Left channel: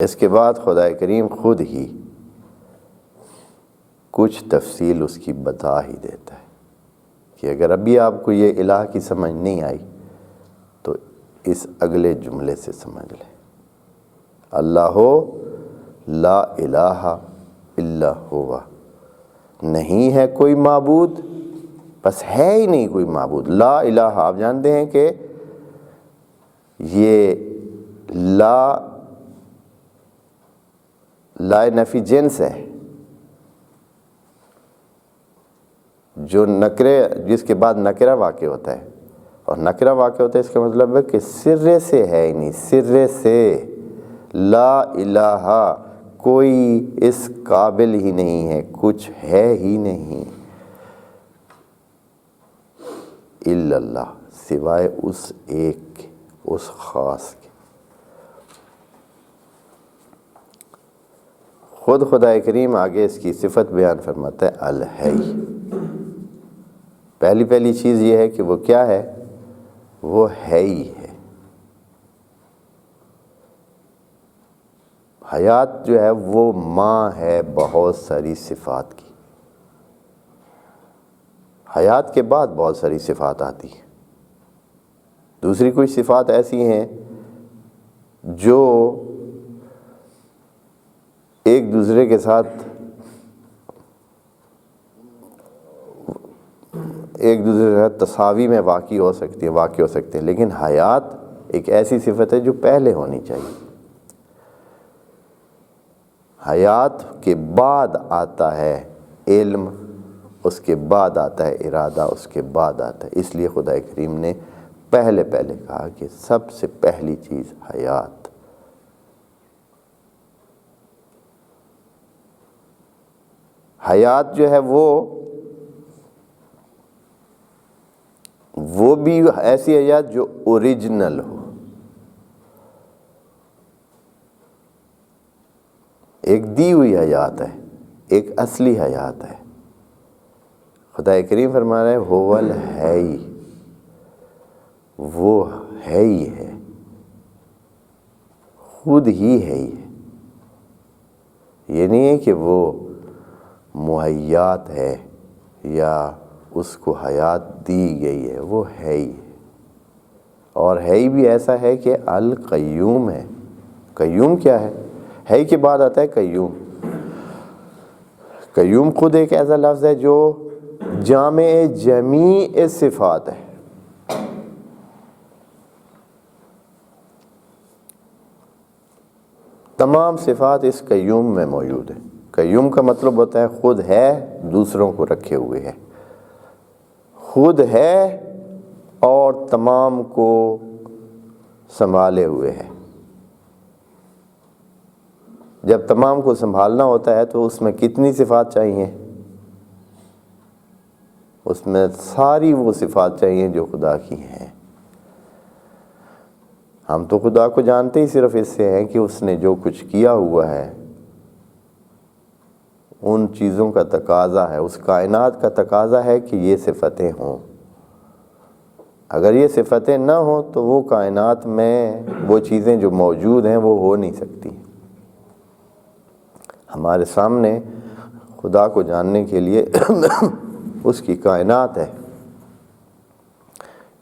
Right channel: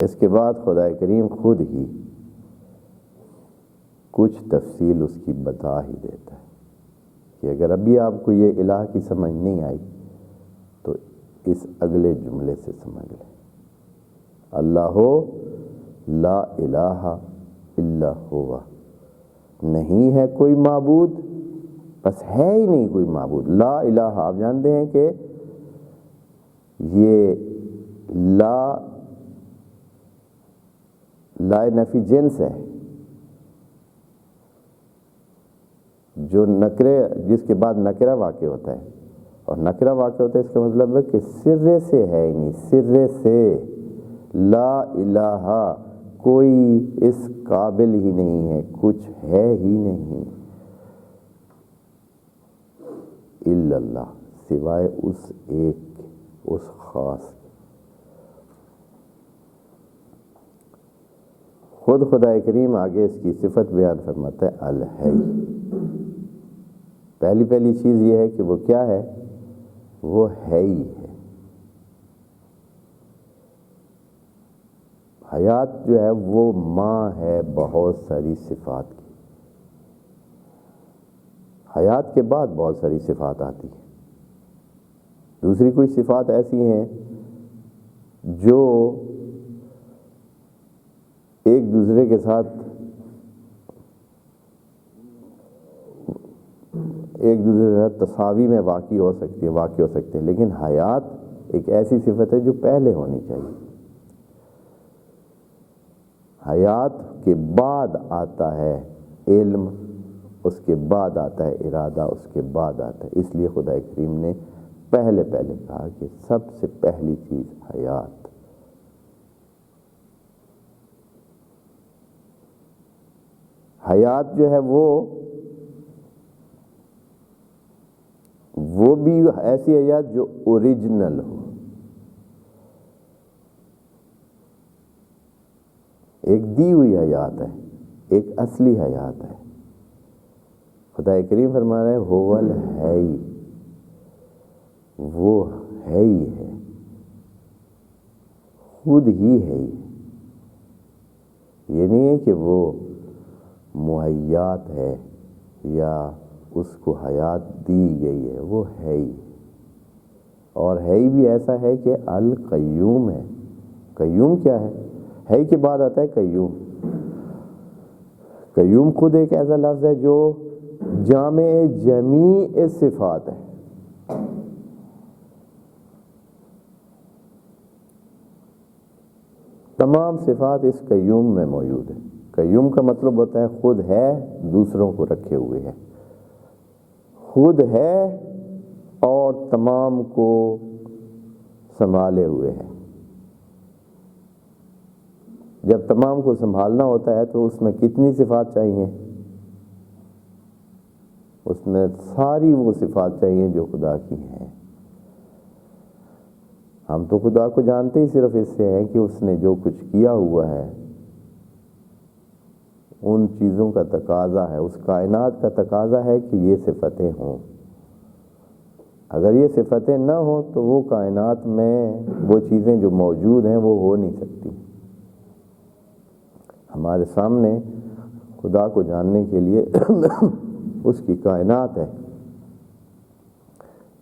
اس کے بعد خدا کریم خود ہی کچھ تفصیل اس کی بتا ہی دیتا ہے کہ اگر ابھی آپ کو یہ الہ کی سمجھ نہیں آئی تو اس اگلے جملے سے سمجھ لیں، اللہ لا الہ الا ہوا، نہیں ہے کوئی معبود، بس ہے ہی نہیں کوئی معبود۔ لا الہ، آپ جانتے ہیں کہ یہ لا نفی جنس ہے، جو نکرے جس کے بعد نکرہ واقع ہوتا ہے، اور نکرہ واقع ہوتا ہے اس کا مطلب ہے کہ سرے سے ہے ہی نہیں، سرے سے لا الہ، کوئی اس قابل ہی نہیں ہے، کچھ ہے ہی نہیں الا اللہ، سوائے اس ایک کے، اس خاص کے۔ خود خدا کریم آگے اس کی صفت بیان فرماتا ہے الحی۔ پہلی چیز یہ ہے کہ وہ کیا ہے؟ وہ ہے ہی ہے۔ حیات جو ہے وہ ماں ہے بہت ساری صفات کی، حیات کے بعد بہت ساری صفات آتی ہیں۔ دوسری کچھ صفات ایسی ہیں جو ایک دوسرے کے ساتھ تساوی میں واقع ہو سکتی ہیں، لیکن حیات ایک ایسی صفت ہے جو پہلے ہونی چاہیے۔ حیات کے بعد آتا ہے علم، اس کے بعد آتا ہے ارادہ، اس کے بعد آتا ہے، اس لیے خدا کریم نے پہلے کہا کہ سب سے پہلی چیز حیات۔ حیات جو ہے وہ بھی ایسی حیات جو اوریجنل ہو، ایک دی ہوئی حیات ہے، ایک اصلی حیات ہے۔ خدا کریم فرما رہے ہیں هو الحی، وہ ہے ہی ہے، خود ہی ہے ہی ہے۔ یہ نہیں ہے کہ وہ مہیات ہے یا اس کو حیات دی گئی ہے، وہ ہے ہی ہے، اور ہے ہی بھی ایسا ہے کہ القیوم ہے۔ قیوم کیا ہے کے بعد آتا ہے قیوم۔ قیوم خود ایک ایسا لفظ ہے جو جامع جمیع صفات ہے۔ تمام صفات اس قیوم میں موجود ہیں۔ قیوم کا مطلب ہوتا ہے خود ہے، دوسروں کو رکھے ہوئے ہے، خود ہے اور تمام کو سنبھالے ہوئے ہے۔ جب تمام کو سنبھالنا ہوتا ہے تو اس میں کتنی صفات چاہیے؟ اس میں ساری وہ صفات چاہیے جو خدا کی ہیں۔ ہم تو خدا کو جانتے ہی صرف اس سے ہیں کہ اس نے جو کچھ کیا ہوا ہے، ان چیزوں کا تقاضا ہے، اس کائنات کا تقاضا ہے کہ یہ صفتیں ہوں۔ اگر یہ صفتیں نہ ہوں تو وہ کائنات میں وہ چیزیں جو موجود ہیں وہ ہو نہیں سکتی۔ ہمارے سامنے خدا کو جاننے کے لیے اس کی کائنات ہے۔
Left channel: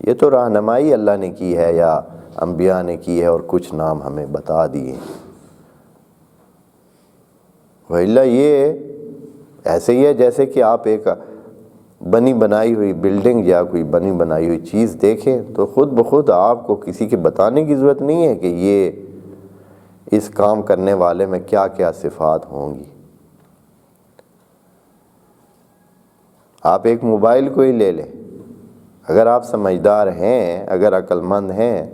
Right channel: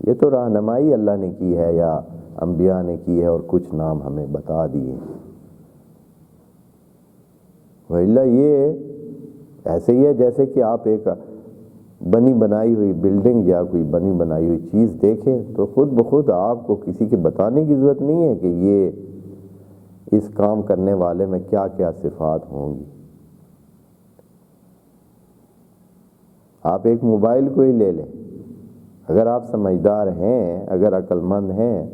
یہ تو رہنمائی اللہ نے کی ہے یا انبیاء نے کی ہے اور کچھ نام ہمیں بتا دیے، وَإِلَّا یہ ایسے ہی ہے جیسے کہ آپ ایک بنی بنائی ہوئی بلڈنگ یا کوئی بنی بنائی ہوئی چیز دیکھیں تو خود بخود آپ کو کسی کے بتانے کی ضرورت نہیں ہے کہ یہ اس کام کرنے والے میں کیا کیا صفات ہوں گی۔ آپ ایک موبائل کو ہی لے لیں، اگر آپ سمجھدار ہیں، اگر عقل مند ہیں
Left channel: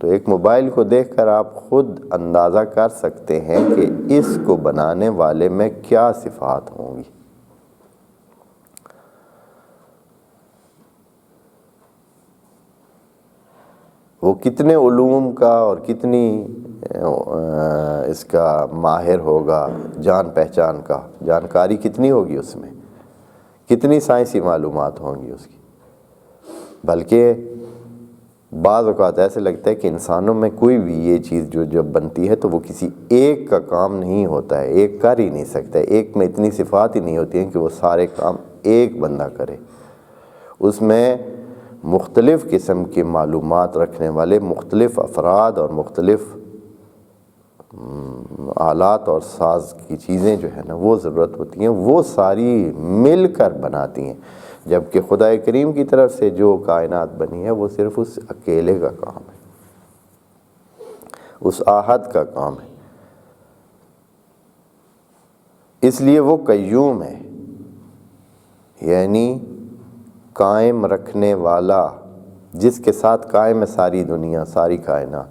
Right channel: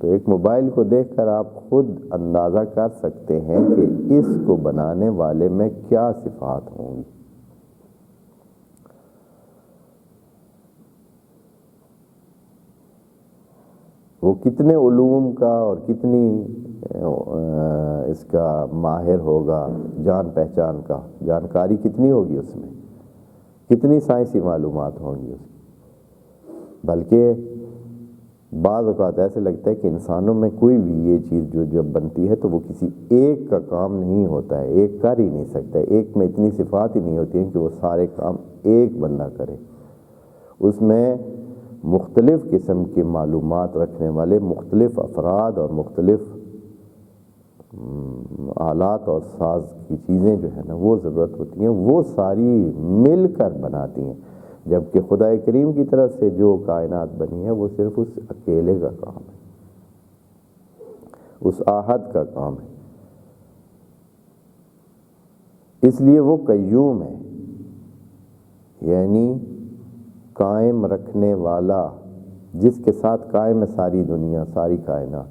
تو ایک موبائل کو دیکھ کر آپ خود اندازہ کر سکتے ہیں کہ اس کو بنانے والے میں کیا صفات ہوں گی۔ وہ کتنے علوم کا اور کتنی اس کا ماہر ہوگا، جان پہچان کا جانکاری کتنی ہوگی، اس میں کتنی سائنسی معلومات ہوں گی اس کی۔ بلکہ بعض اوقات ایسے لگتا ہے کہ انسانوں میں کوئی بھی یہ چیز جو جب بنتی ہے تو وہ کسی ایک کا کام نہیں ہوتا ہے، ایک کر ہی نہیں سکتا ہے، ایک میں اتنی صفات ہی نہیں ہوتی ہیں کہ وہ سارے کام ایک بندہ کرے۔ اس میں مختلف قسم کی معلومات رکھنے والے مختلف افراد اور مختلف آلات اور ساز کی چیزیں جو ہے نا وہ ضرورت ہوتی ہیں، وہ ساری مل کر بناتی ہیں، جبکہ خدا کریم کی طرف سے جو کائنات بنی ہے وہ صرف اس اکیلے کا کام ہے، اس احد کا کام ہے۔ اس لیے وہ قیوم ہے، یعنی قائم رکھنے والا، جس کے ساتھ قائم ہے ساری دنیا، ساری کائنات۔